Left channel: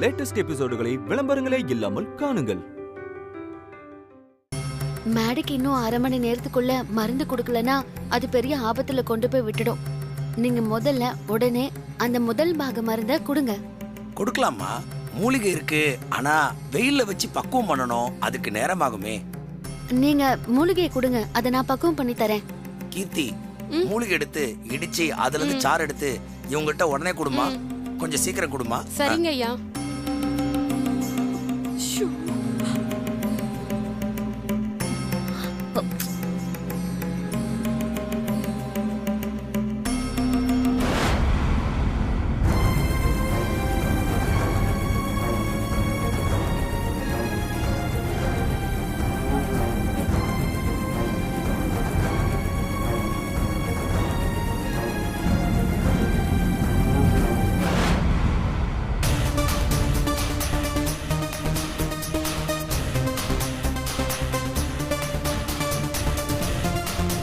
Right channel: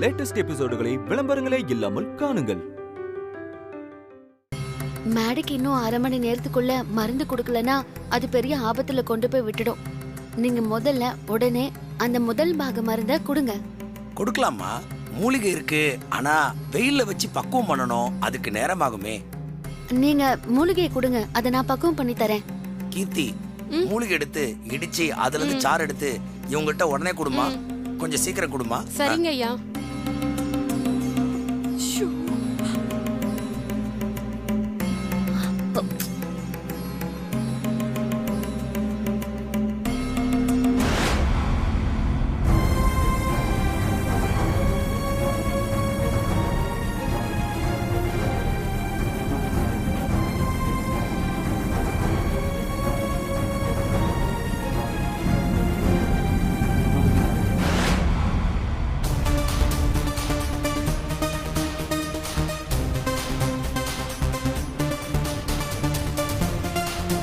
Latest எபிசோடுகளை விளம்பரங்களே இல்லாமல் காணுங்கள். மேடைக்கு இன்னும் 1/2 மணி நேரத்துக்குள்ள மருந்து கொடுக்கலனா அது பெரிய ஆபத்துல கொண்டு போய் விட்டுடும். நீங்க முதல்ல உடனே அந்த முதல் பாக மருந்த கொடுங்க. கொடுக்கலாமா? மூலிகை இருக்கு, ஆனா வெயில்ல வச்சு பக்குவம் பண்ணணும், அதுக்கு நேரமாகுமே. நீங்க மூலிகையை கொடுங்க, அதை நான் பக்குவம் பண்ணி தரேன். கீர்த்தி, மூலிகை எடுத்து இடிச்சு அதுல இருந்து சாறு எடுத்து இவங்ககிட்ட உடனே கொடுமா, கொஞ்சம் சீக்கிரம் கொடுமா. சரிங்க ஐயா.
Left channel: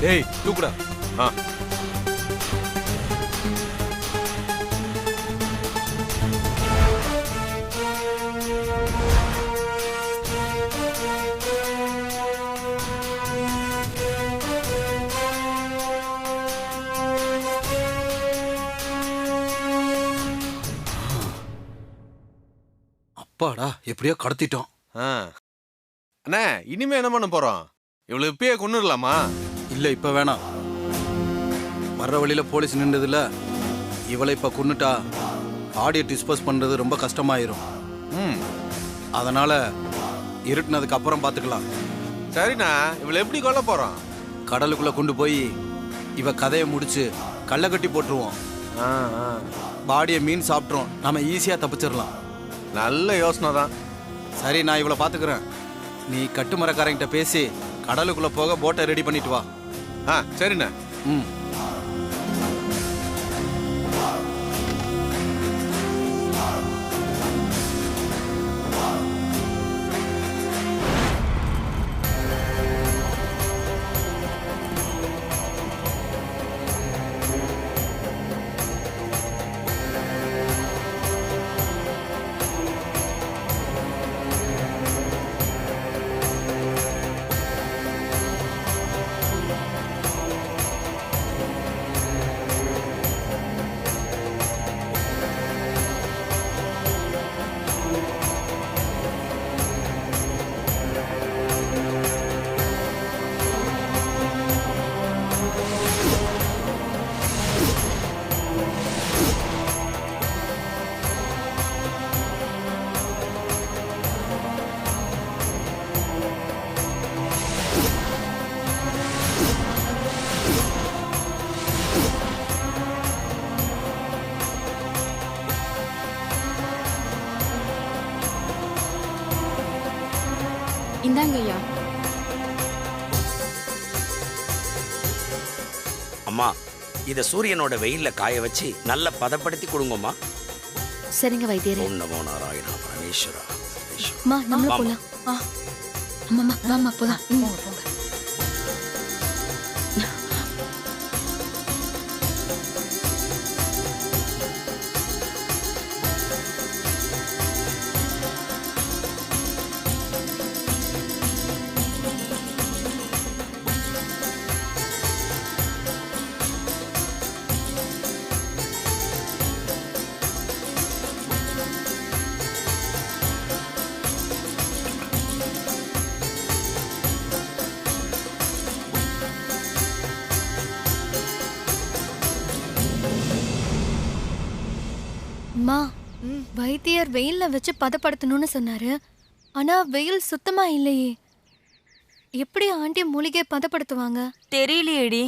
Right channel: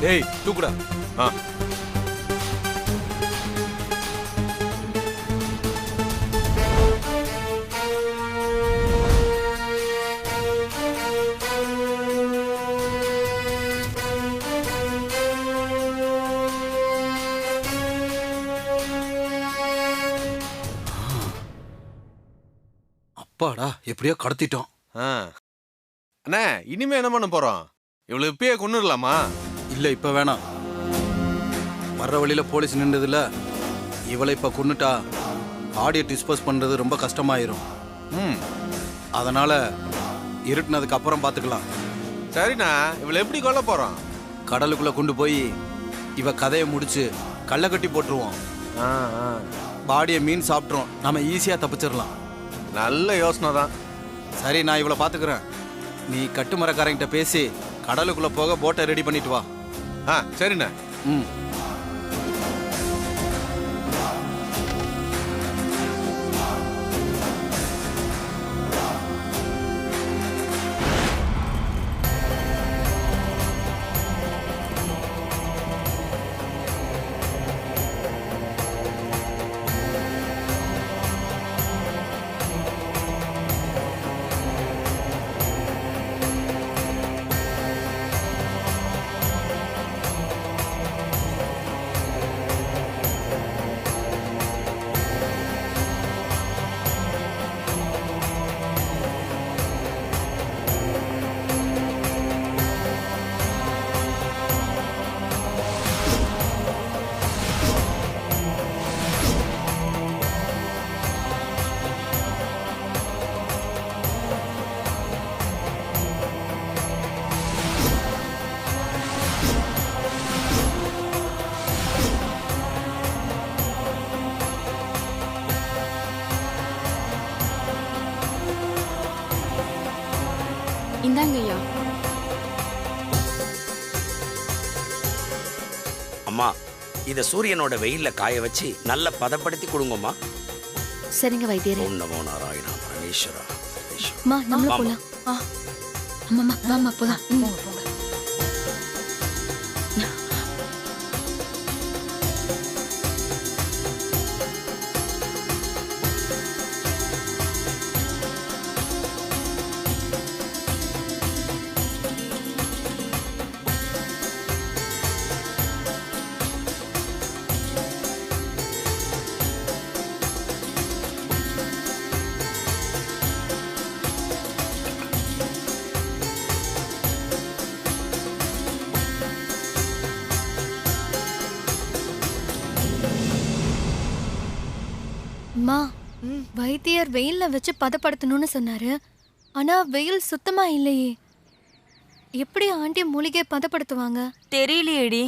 ஏய் தூக்குடா. அப்பாடா, எப்படியோ கடத்திட்டோம். அண்ணா, இனிமே என்ன பண்ண போறோம்? இவ்வளவு இப்பயே கொன்னுடலாமா? இல்ல, இப்ப வேணாம். வர்ற வழியில போலீஸ் நின்றதுல இவளை இப்ப கொன்னுட்டா பாடியை டிஸ்போஸ் பண்றது ரொம்ப கஷ்டமாயிரும். அதனால இருட்டுனதுக்கு அப்புறம் பாத்துக்கலாம். சரிண்ணா, இவளை எப்படி கொல்ல போறோம்? கடலுக்குள்ள கொண்டு போய் இவ கதையை முடிச்சு கல்லை கட்டி போட்டுருவோம். பாடியை மீன் சாப்பிட்றோம், நம்ம ஈஸியா தப்பிச்சிடலாம். நல்ல யோசனை தான். சரி, நான் இவளை பாத்துக்கிறேன். நீ கட்டுமரக்காரங்கிட்ட பேசி கடலுக்குள்ள போக போட்டை ரெடி பண்ணிட்டு வா. சரிண்ணா. இந்தாங்க ஐயா. அம்மா, இத சூரியனோட வெயில்ல காய வச்சு நல்ல பதப்படுத்தி கொடுங்கம்மா. சரிங்க வைத்தியரே. ஓம் நமோ நாராயணா பரமேஸ்வரா. அம்மா, நம்ம போலாம். அம்மா வாமா போலாம். போங்க போங்க. அம்மா, வைத்தியர் வெயில்ல வச்சு பதப்படுத்தணும்னு சொன்னாரு. ஆனா வெயில் சுத்தமா இல்லையே. எப்படி ஆண்டி மூலிகை பதப்படுத்துவாங்க? தெரியலையேடி.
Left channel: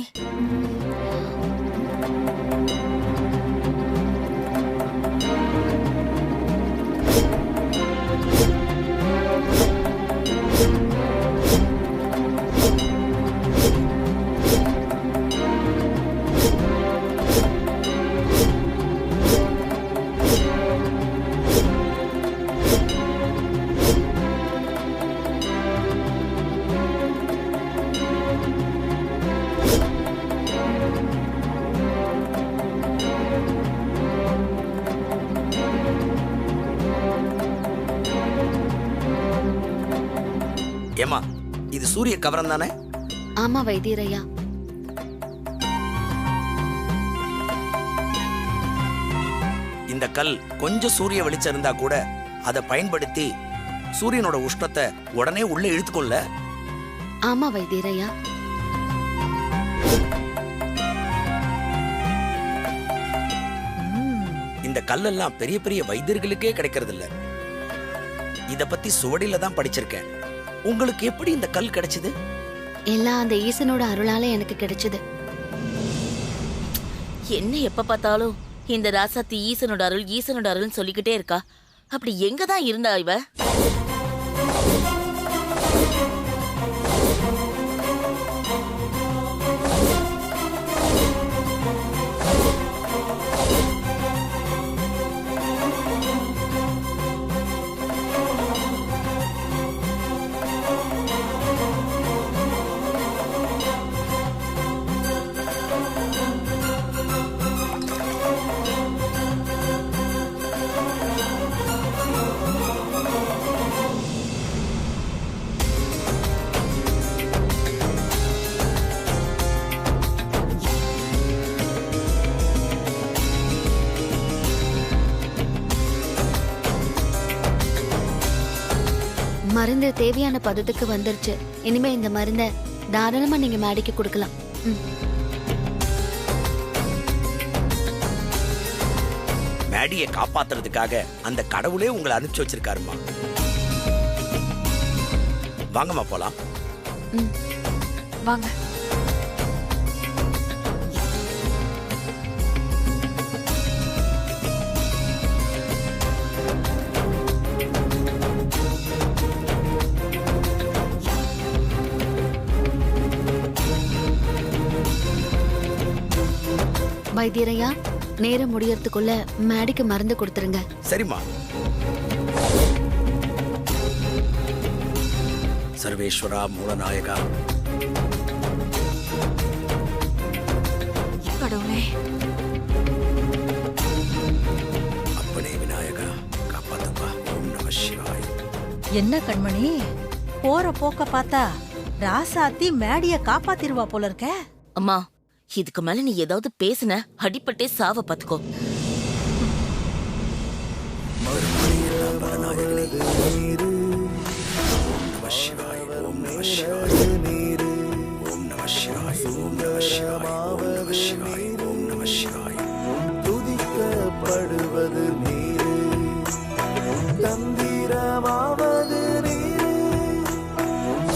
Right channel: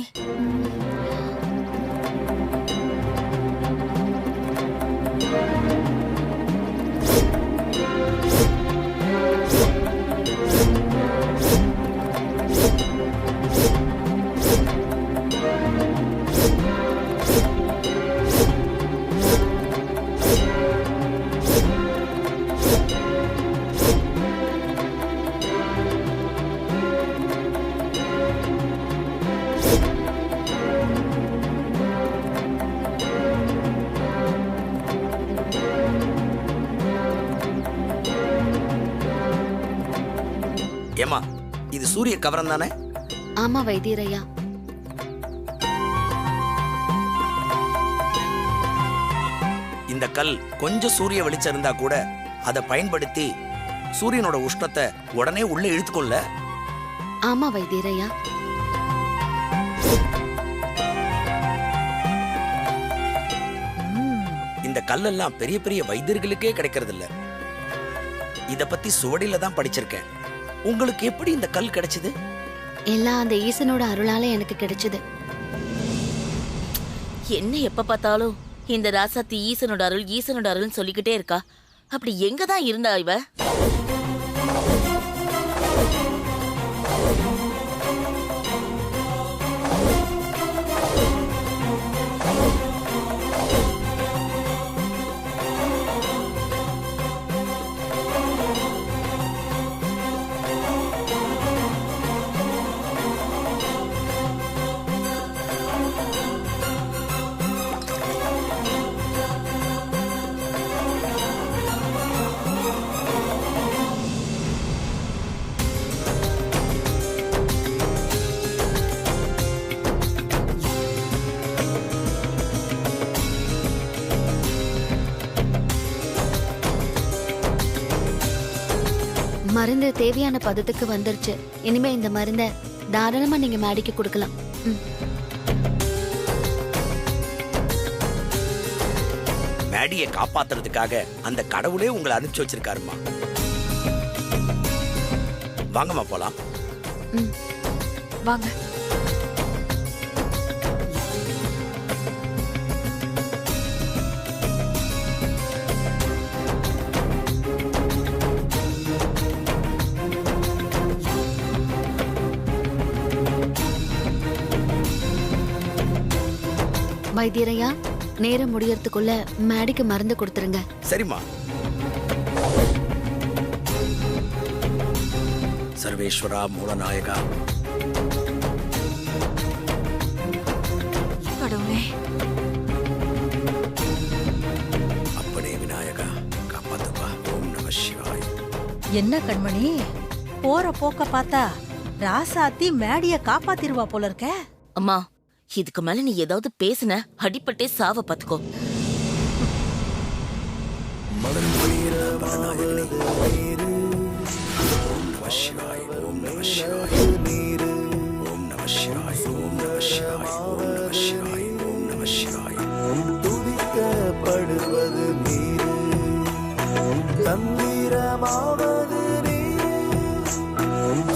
ஏமா இது சூரிய கவரம் தானே? ஆமா வைத்தியர் ஐயா. இந்த கல் கொஞ்சம் சூரிய வெளிச்சம் இருந்தா கூட அதை பயன்படுத்தி சூரியனோட உஷ்ணத்தை உடனே உள்ள இழுத்துக்கொள்ள. ஆமா வைத்தியர் ஐயா. இந்த கல்லெல்லாம் பெரிய பெரிய வைத்தியர்களுக்கே கிடைக்கிறது இல்ல. இத பத்தி சுவடியில தான் படிச்சிருக்கேன். உங்களுக்கு எப்படி இந்த கல் கிடைச்சது? எல்லாம் அந்த ஈசனோட அருளால எனக்கு கிடைச்சது. என்ன எப்ப பார்த்தாலும் இந்த ராசாத்தி ஈசனோட அருள்னு சொல்லிக்கிட்டே இருக்கா. அப்படி எங்க தான் இருந்தா இவ? மருந்து தேவையான பதத்துக்கு வந்துருச்சு. இனிமே இந்த மருந்தை தாராளமா நீங்க மேடிக்கு கொடுக்கலாம். மேடியை காப்பாத்துறதுக்காக அந்த கடவுளே உங்களை அனுப்பிச்சு வச்சிருக்காருமா. வாங்கம்மா போலாம். வாங்க. வைத்தியரையா, நேரம் முடியறதுக்குள்ள மேடிக்கு மருந்து கொடுத்துருங்க. சரிம்மா. சர்வேஸ்வரா மூலநாயகா. கடவுளே. அப்பனே விநாயகா காப்பாத்துப்பா. ஓம் நம சிவாய். என்ன கண்மணி, போற போக்க பார்த்தா ராசாத்தி மேடிய காப்பாத்திருவா போல இருக்க. அம்மா, இதுக்கு மேல நீ ஏதாவது பேசுன அடிப்பட்டே சாவ பாத்துக்கோ. ஓம் நம சிவாய். ஓம் நம சிவாய். ஓம் நம சிவாய். ஓம் நம சிவாய். ஓம் நம சிவாய். ஓம் நம சிவாய். துதிக்கப்படுவது நீர், கம்பீரமாவது நீர்,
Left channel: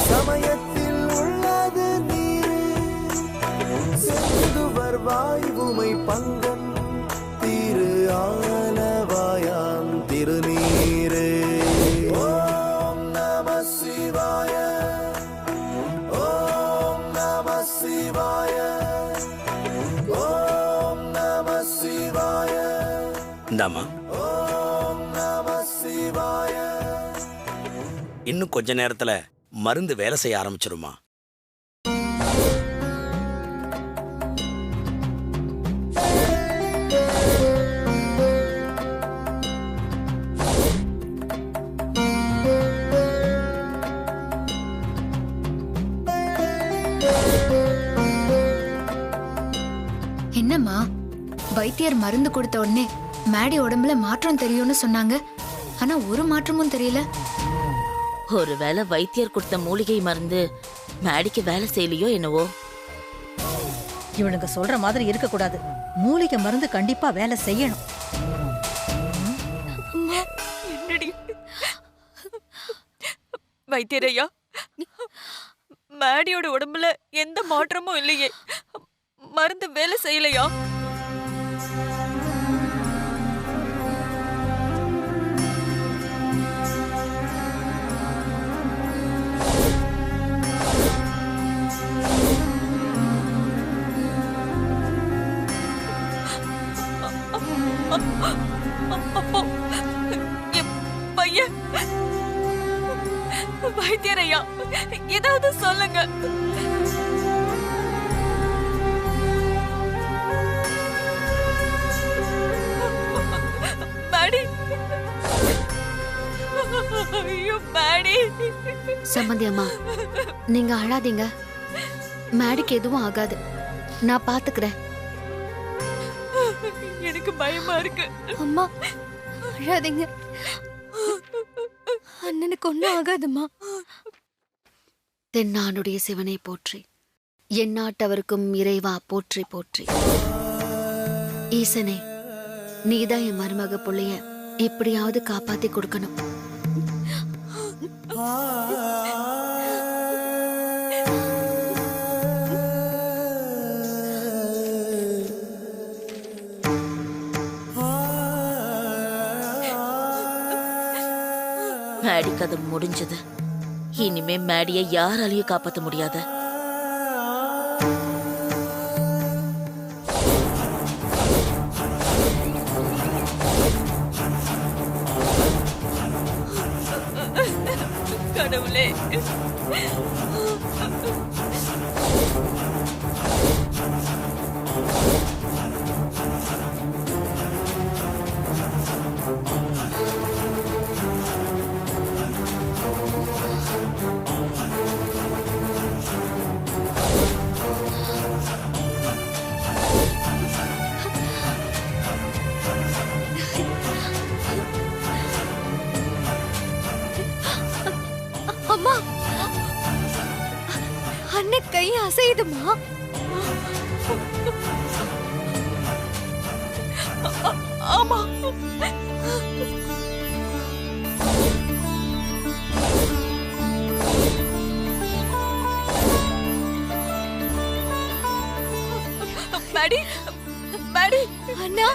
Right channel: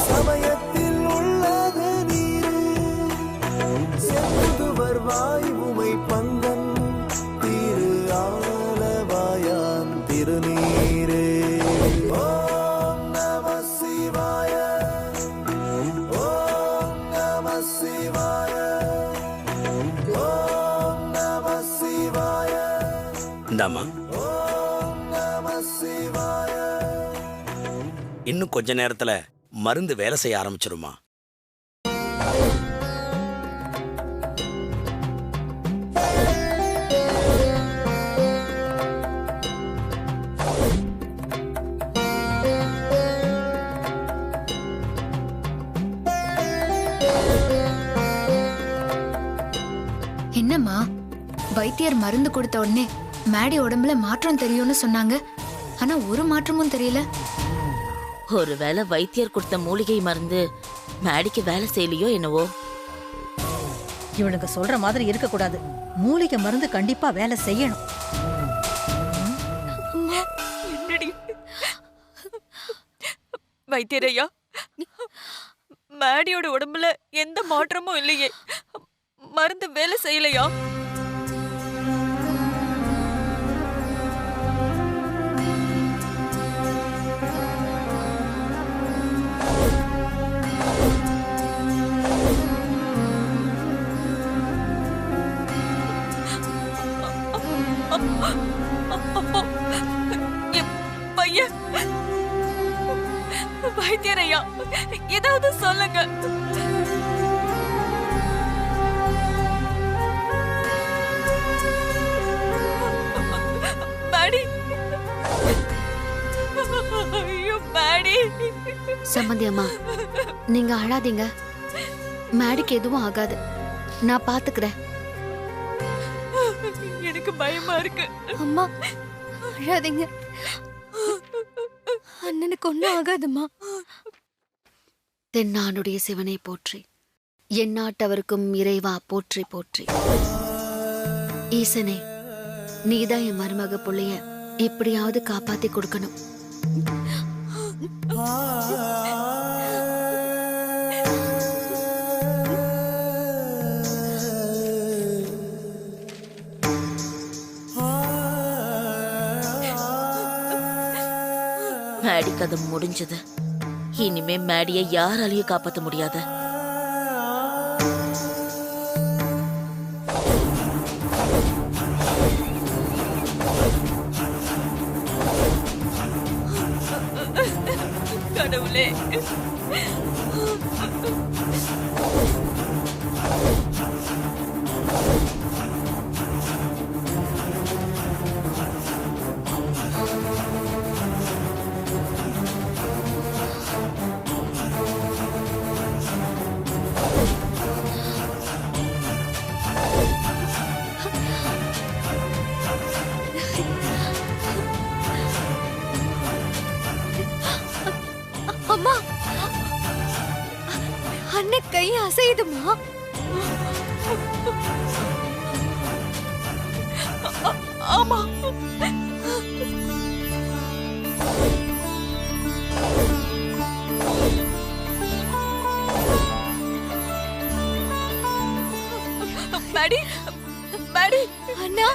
சமயத்தில் உள்ளது நீர், செல்லுவர் வாயுமை பங்கம் திரு ஆலவாயாம் திருநீரே. ஓம் நம சிவாய. ஓம் நம சிவாய. ஓம் நம சிவாய. இந்தாமா. ஓம் நம சிவாய. இன்னும் கொஞ்ச நேரத்துல மருந்து வேலை செய்ய ஆரம்பிச்சிருமா. என்னம்மா, வைத்தியர் மருந்து கொடுத்த உடனே மேடி உடம்புல மாற்றம் தெரியும்னு சொன்னாங்க. ஆனா ஒரு மாற்றமும் தெரியல. ஒருவேளை வைத்தியர் கொடுத்த மூலிகை மருந்து மேடிக்கு வேலை செய்யலையோ என்னவோ. இவனுங்க சொல்ற மாதிரி இருக்க கூடாது. மூலிகை மருந்து கண்டிப்பா வேலை செய்யணும். என்னடி வைத்தியரையா, மேடியோட உடம்புல எந்த மாற்றமும் இல்லையே, மருந்து வேலை செய்யலையா? அப்போ என் பையன் வைத்தியரையா, ஏதாவது சொல்லுங்க. மேடி, ஐயோ ஐயோ மேடி. சம்மந்தி அம்மா, நீங்க அழாதீங்க. மேடிக்கு எதுவும் ஆகாது. நான் பாத்துக்கிறேன். எனக்கு பயமா இருக்கு. அம்மா அழாதீங்க. அண்ணனுக்கு ஒன்றும் ஆகாதும்மா. தென்னாடுடைய சிவனை போற்றி, எந்நாட்டவருக்கும் இறைவா போற்றி போற்றி. ஈசனே, நீதான் என் மருமக புள்ளைய எப்படியாவது காப்பாத்தி கொடுக்கணும். மேடி கதை முடிஞ்சது. இனிமே மேடிய யாராலையும் காப்பாத்த முடியாது. கடவுளே, அம்மா, அண்ணன் கை அசையுதுமா. ஆமா. மேடி, மேடி. அண்ணா,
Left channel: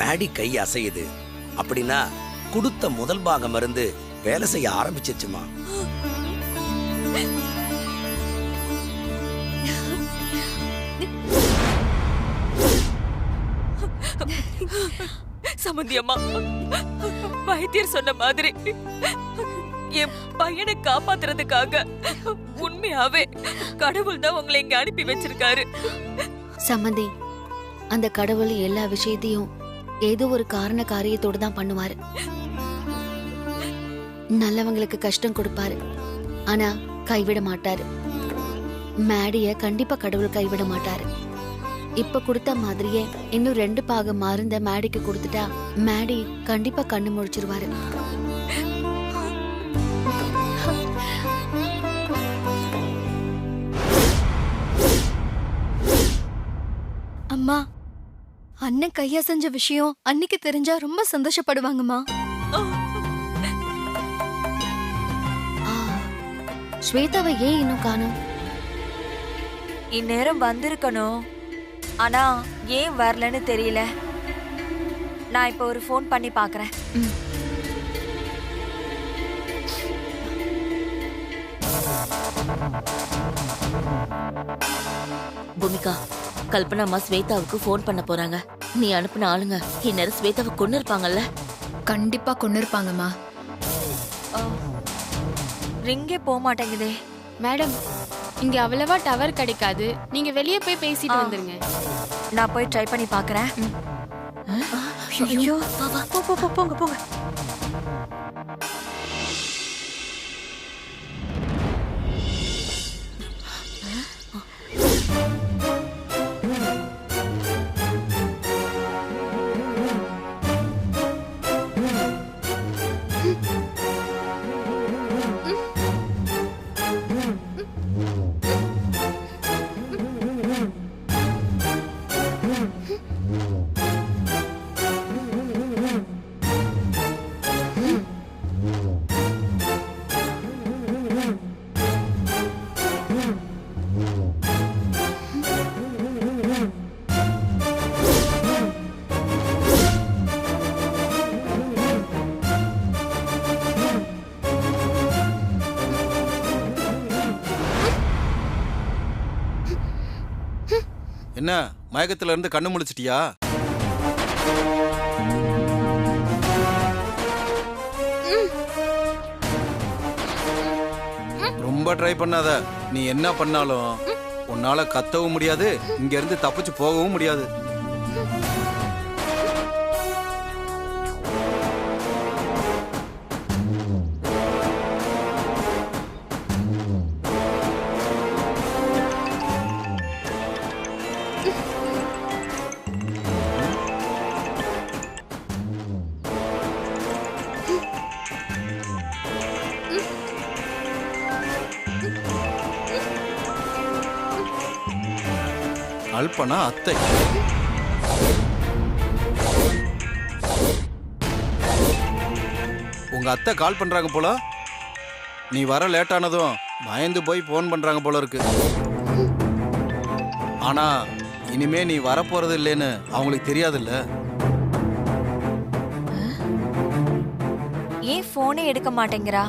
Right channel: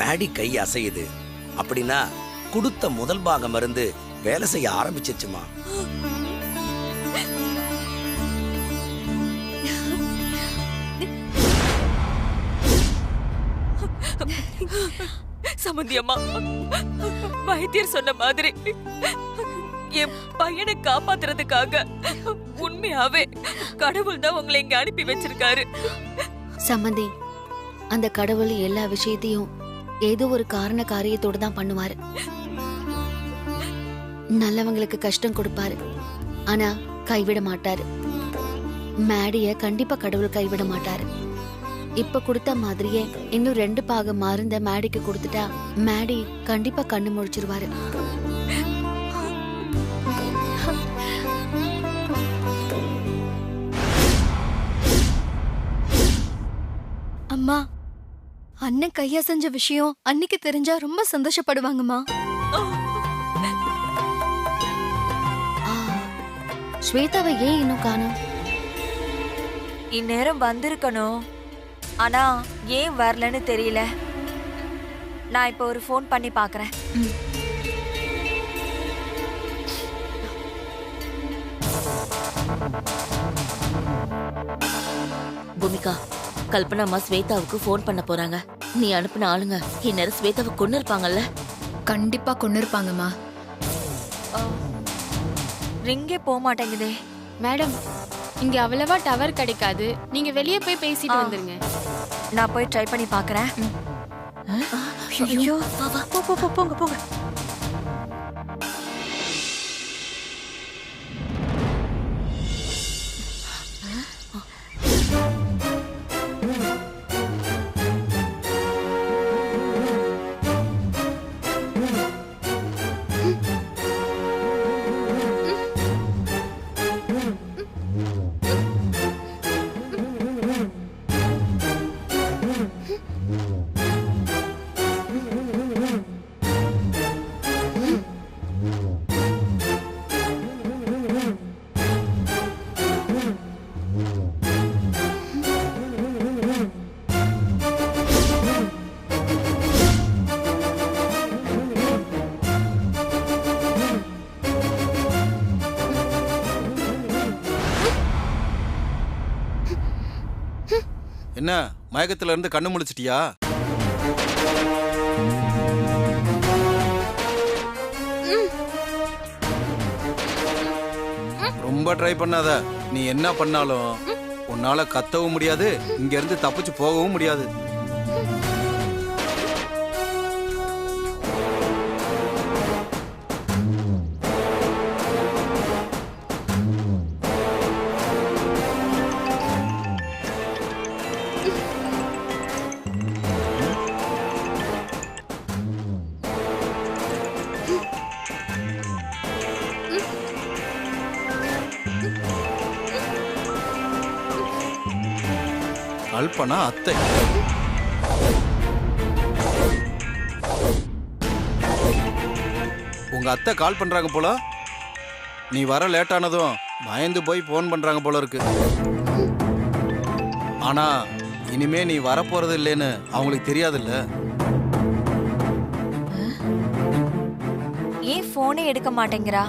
மேடி கை அசையுது அப்படின்னா கொடுத்த முதல் பாகம் மருந்து வேலை செய்ய ஆரம்பிச்சிச்சுமா. சமந்தி அம்மா, வைத்தியர் சொன்ன மாதிரி என் பையனை காப்பாத்துறதுக்காக உண்மையாவே கடவுள் தான் உங்களை இங்க அனுப்பி வச்சிருக்காரு. சம்மந்தி, அந்த கடவுள் எல்லா விஷயத்தையும் ஏதோ ஒரு காரண காரியத்தோடு தான் பண்ணுவாரு. நல்லவங்களுக்கு கஷ்டம் கொடுப்பாரு, ஆனா கைவிட மாட்டாரு. மேடிய கண்டிப்பா கடவுள் கைவிட மாட்டாரு. இப்ப கொடுத்த மாதிரியே இன்னும் 2 பாகம் மருந்த மேடிக்கு கொடுத்துட்டா மேடி கண்டிப்பா கண்ணு முழிச்சிருவாரு. அம்மா, அண்ணன் கையா செஞ்ச விஷயம் அன்னைக்கு தெரிஞ்சா ரொம்ப சந்தோஷப்படுவாங்கம்மா. ஸ்வேதாவை ஏன் இன்னும் காணோம்? இந்நேரம் வந்திருக்கணும். ஆனா ஏன் வரலன்னு தெரியல. நான் இப்போ ஒரு ஃபோன் பண்ணி பார்க்கறேன். பூமிகா, கல்பனா அம்மா ஸ்வேதாவுக்கு ஃபோன் பண்ண போறாங்க. நீ அனுப்பின ஆளுங்க இந்நேரம் ஸ்வேதாவை கொன்னு இருப்பாங்கல்ல? கண்டிப்பா கொண்டு இருப்பாங்கம்மா. ரிங்கே போக மாட்டேங்குதே. மேடம், இங்க அவ்வளவா டவர் கிடைக்காது. நீங்க வெளியே போய் பேசிட்டு வந்துருங்க. நான் போய் ட்ரை பண்ணி பார்க்கறேன். ஐயோ, போங்க போங்க. என்ன மயக்கத்துல இருந்து கண்ணு முழிச்சிட்டியா? ரொம்ப ட்ரை பண்ணாத. நீ என்ன பண்ணாலும் உன்னால கத்தவும் முடியாது, இங்க இருந்து தப்பிச்சு போகவும் முடியாது. கல்பனா அத்தை. உங்க அத்தை கால் பண்றாங்க போல. நீ வர லேட் ஆனதும் பயந்து போய் ஃபோன் பண்றாங்க போல இருக்கு. ஆனா இனிமே நீ வரப்போறது இல்லைன்னு அவங்களுக்கு தெரியாதுல்ல. ஏன் போனே எடுக்க மாட்டேங்கிறா?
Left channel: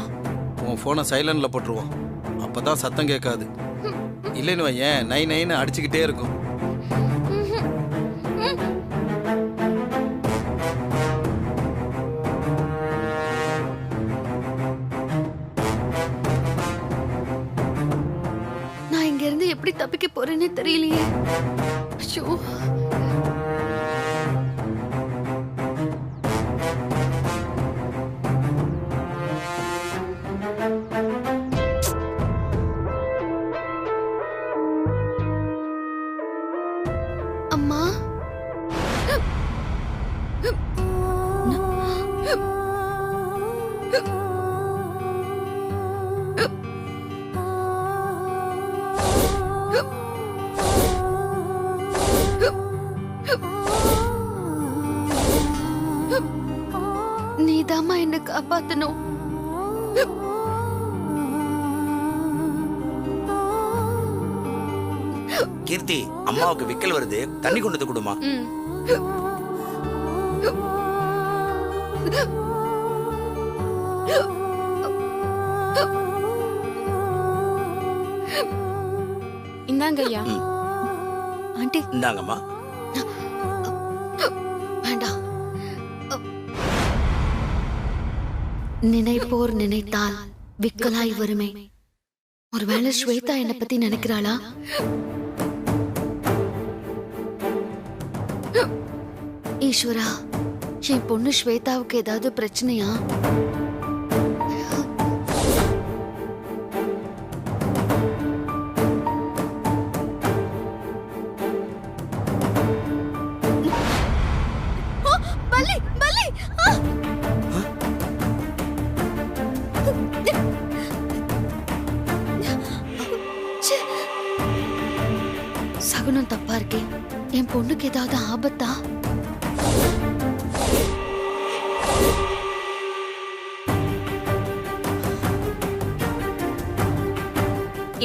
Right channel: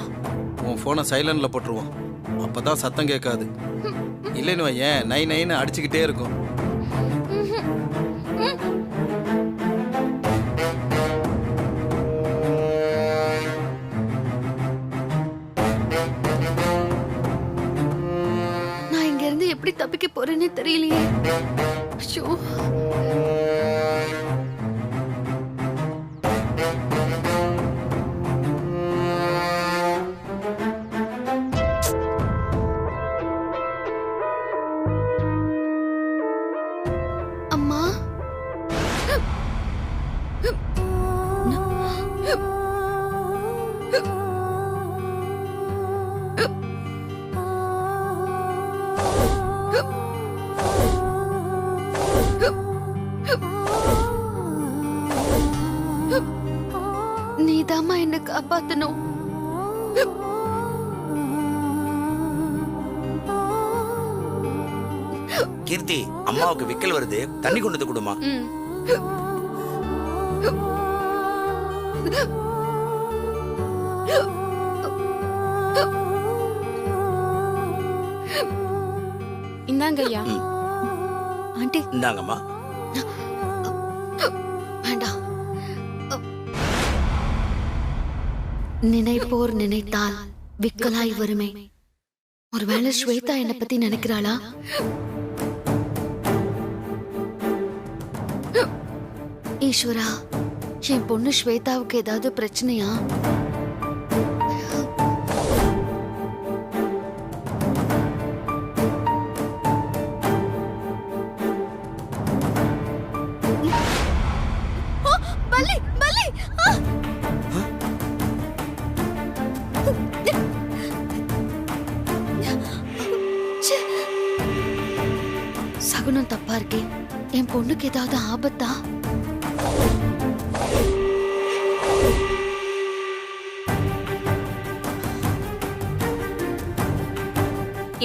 உன் போனை சைலண்ட்ல போட்டுருவோம், அப்பதான் சத்தம் கேட்காது. இல்லைன்னு வையேன் நை நைன்னு அடிச்சுக்கிட்டே இருக்கும். நான் இங்க இருந்து எப்படி தப்பிக்க போறேன்னு தெரியலையே. ஐயோ, அம்மா. நீதாம்மா என்ன காப்பாத்தணும். கீர்த்தி, அம்மாவுக்கு விக்கல் வருது, தண்ணி கொண்டு வந்து கொடுமா. இந்தாங்க ஐயா. ஆண்டி இந்தாங்கம்மா. வேண்டாம். நினைப்போர் நினைத்தால் விக்கலாய் வருமே. ஒருவேளை ஸ்வேதா என்னை பத்தி நினைக்கிறாளா? ஈஸ்வரா, என் பொண்ணு ஸ்வேதாவுக்கு ஏதாவது பிரச்சனையா? பல்லி பல்லி. சகுனம் தப்பா இருக்கே. என் பொண்ணுக்கு ஏதாவது ஆபத்தா?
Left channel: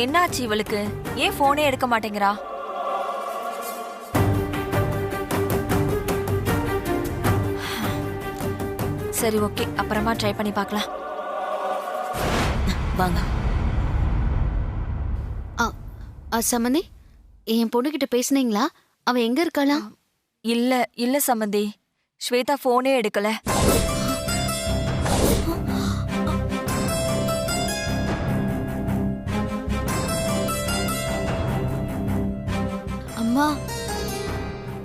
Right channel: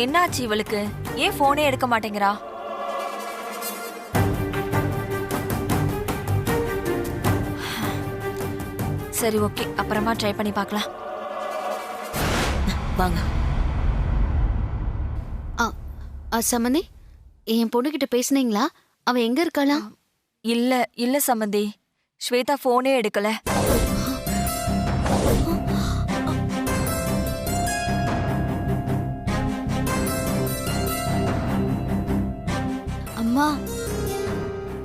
என்னாச்சு இவளுக்கு? ஏன் போனே எடுக்க மாட்டேங்கிறா? சரி, ஓகே, அப்புறமா ட்ரை பண்ணி பார்க்கலாம். வாங்க. சம்மந்தி, என் பொண்ணு கிட்ட பேசுனீங்களா? அவ எங்க இருக்காளா? இல்ல இல்ல சம்பந்தி, ஸ்வேதா போனே எடுக்கல. அம்மா,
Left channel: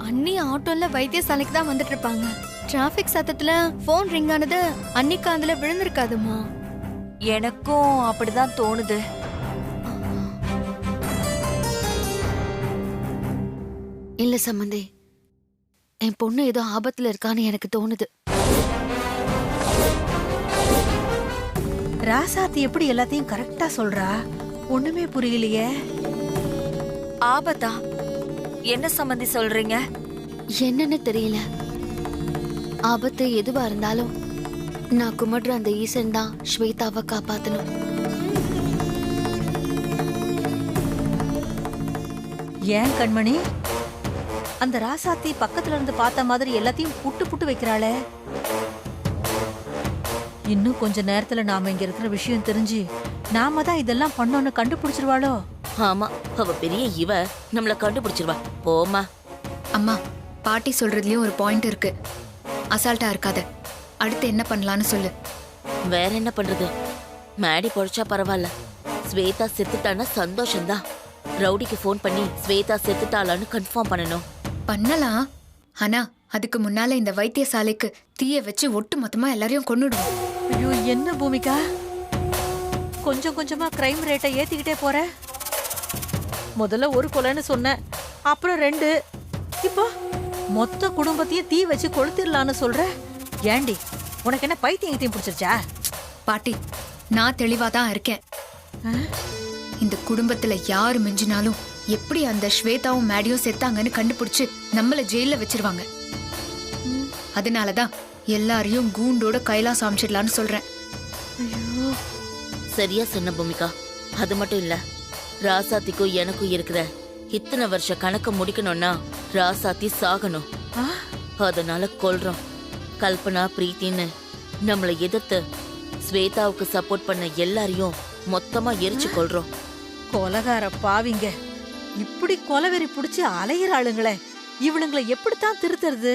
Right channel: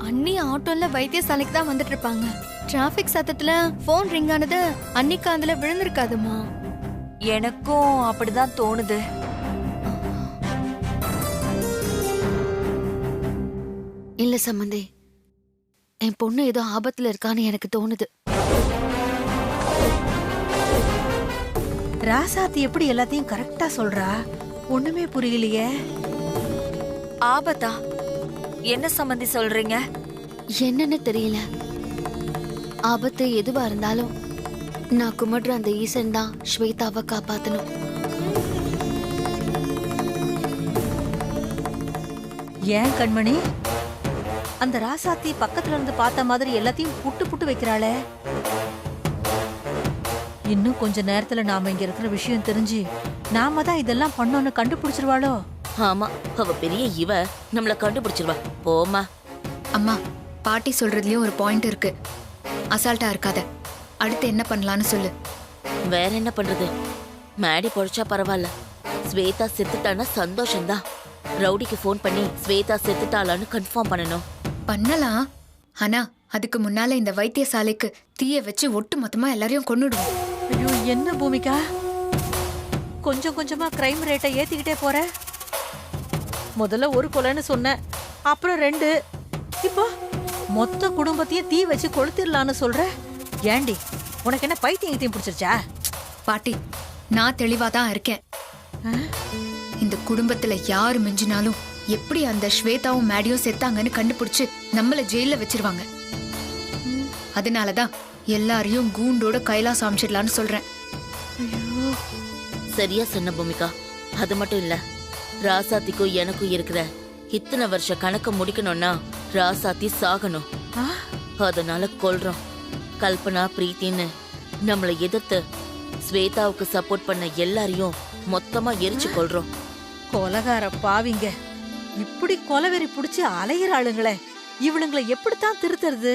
அண்ணி ஆட்டோல வைத்தியசாலைக்கு தான் வந்துட்டு இருப்பாங்க. டிராபிக் சத்தத்துல போன் ரிங் ஆனது அண்ணி காதுல விழுந்திருக்காதுமா. எனக்கும் அப்படிதான் தோணுது. இல்ல சம்மந்தி, என் பொண்ணு ஏதோ ஆபத்துல இருக்கான்னு எனக்கு தோணுது. ராசாத்தி எப்படி எல்லாத்தையும் கரெக்டா சொல்றா? ஒண்ணுமே புரியலையே. ஆபத்தா? என்ன சம்பந்தி சொல்றீங்க? என்னன்னு தெரியல. ஆபத்து எதுவா இருந்தாலும் நான் கும்பிடுற அந்த ஈசன் தான் ஸ்வேதாவை காப்பாத்தணும். ஏன் கண்மணி, அந்த ராசாத்தி பக்கத்துல இருந்து பார்த்த மாதிரி எல்லாத்தையும் புட்டு புட்டு வைக்கிறாளே. இன்னும் கொஞ்ச நேரத்துல நாம இங்க இருக்கிற விஷயம் தெரிஞ்சு நாம தான் இதெல்லாம் பண்ணோன்னு கண்டுபிடிச்சிருவாளோ? ஆமா, அவ பெரிய இவ நம்மள கண்டுபிடிச்சிருவா. போமா. அம்மா, பாட்டி சொல்றதுலயும் ஒரு பாயிண்ட் இருக்கு. அசால்ட்டா இருக்காத. அடுத்து என்ன பண்ணலான்னு சொல்லு. வேற என்ன பண்றது? மேடி பொழைச்சா பரவாயில்ல, ஸ்வேதா செத்துட்டான்னா சந்தோஷம்தான். ரவுடிக்கு ஃபோன் பண்ணி ஸ்வேதா செத்துட்டாளான்னு கன்ஃபார்ம் பண்ணணும். பண்ணலாம். ஆனா அதுக்கு முன்னால இந்த வைத்தியசாலைக்கு தீய வச்சு ஒட்டு மொத்தமா எல்லாரையும் கொன்னுடுவோம். ஐயோ, என்ன பூமிகா, கொஞ்சம் கொஞ்சமா கிரைம் ரேட்டை ஏத்திக்கிட்டே போற. முதல்ல ஒரு கொலைன்னு சொன்ன, அப்புறம் 2, இப்போ மொத்த குடும்பத்தையும் தீ வச்சு கொளுத்திடலான்னு சொல்ற. ஏண்டி, உனக்கு என்ன பைத்தியம் பிடிச்சிருச்சா? பாட்டி, நான் தெளிவா தான் இருக்கேன். இந்த குடும்பத்துல யாரு மிஞ்சினாலும் எப்படி அந்த ஸ்வேதாவும் மேடியும் செத்தாங்கன்னு கண்டுபிடிச்சு நம்மள ஜெயில வச்சிருவாங்க. அதனாலதான் எல்லாரையும் கூண்டோட கைலாசம் அமைச்சிடலான்னு சொல்றேன். சரியா சொன்ன பூமிகா. அது மட்டும் இல்ல, ராசாத்திக்கும் எனக்கும் இருக்கிற இத்தனை வருஷ கணக்க முடிக்கணும்னா ராசாத்தி சாகணும். அதனால கொல்றோம். கல்பனா, பிரீத்தின்னு நம்மளை எதிர்த்து ஸ்வேதாவுக்கு சப்போர்ட் பண்ண எல்லாரையும் மொத்தமா எரிச்சு கொல்றோம். கொலகார பாவிங்க, இப்படி கொலவெறி புடிச்சு அலையிற ஆளுங்களே, இவளுங்களை எப்படித்தான் திருத்துறது?